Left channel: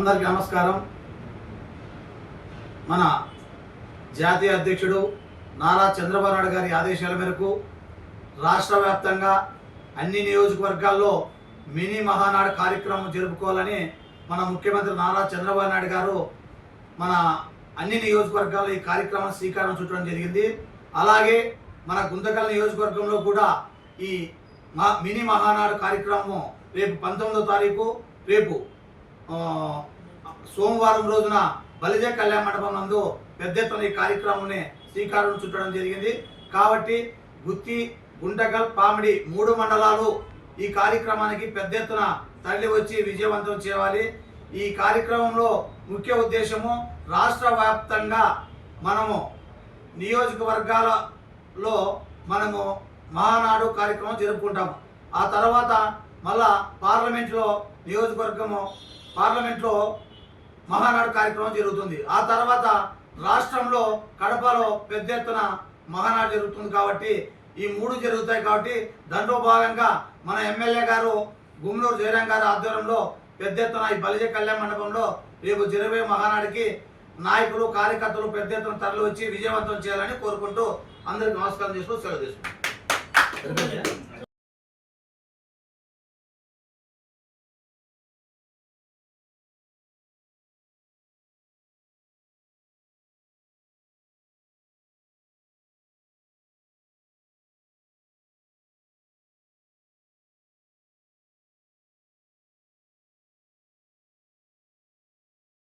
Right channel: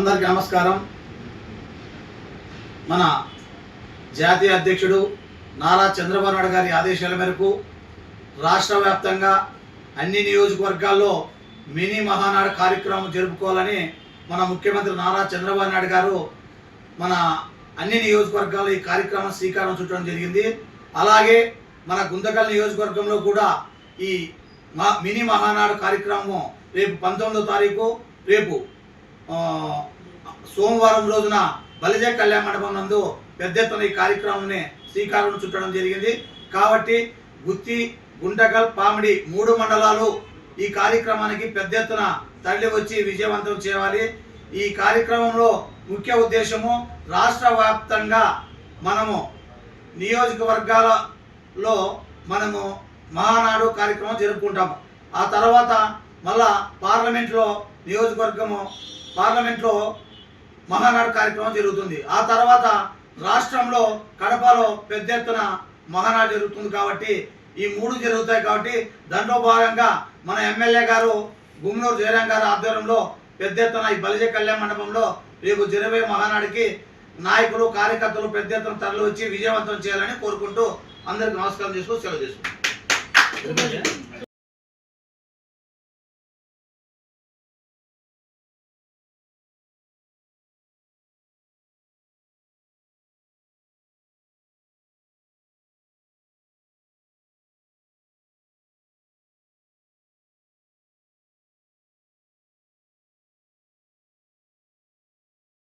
అందరికీ నమస్కారం. మన జాతీయ అధ్యక్షుడు నారా చంద్రబాబు నాయుడు గారి ఆదేశాల మేరకు రాష్ట్ర వ్యాప్తంగా అన్ని నియోజకవర్గాల్లో మినీ మహానాడు కార్యక్రమం జరుపుకోవాలని మన ముఖ్యమంత్రి నారా చంద్రబాబు నాయుడు గారు మన అన్ని నియోజకవర్గాల్లో ఈ కార్యక్రమం శ్రీకారం చుట్టడం జరిగింది. అలాగే మన గుంతకల్ నియోజకవర్గంలో కూడా ఈ మినీ మహానాడు కార్యక్రమం రేపు 19వ తారీఖు రేపు సోమవారం రోజున బలిజ కళ్యాణ మండపం నందు పెద్ద ఎత్తున ఈ కార్యక్రమాన్ని శ్రీకారం చుట్టడం జరిగింది. కాబట్టి గుత్తి, గుంటకల్, పామిడి 3 మండలాలు ఈ కార్యక్రమానికి పెద్ద ఎత్తున తరలి వచ్చి విజయవంతం చేయాలి. ఈ కార్యక్రమంలో ముఖ్య ఉద్దేశము రాష్ట్ర వ్యాప్తంగా మనము నియోజకవర్గాలలో మనము మహానాడు కార్యక్రమం జరుపుకుంటాము. ఆ తర్వాత మళ్ళా పార్లమెంట్లో మహానాడు కార్యక్రమం జరుగుతుంది. ఆ తర్వాత రాష్ట్రంలో కడపలో పెద్ద ఎత్తున మహానాడు జరుగుతుంది. కాబట్టి ఈ 3 జరుగుతాయి. కాబట్టి దాంట్లో భాగంగా మన ఎమ్మెల్యే గారు గుమ్మనూరు జయరాం గారి ఆధ్వర్యంలో పెద్ద ఎత్తున ఈ బలిజ కళ్యాణ మండపంలో రేపు జరగబోయే మహానాడికి నాయకులు, కార్యకర్తలు పెద్ద ఎత్తున తరలి వచ్చి విజయవంతం చేయాలని కోరుకుంటూ అందరికి నమస్కారం చేస్తూ సెలవు తీసుకుంటాం.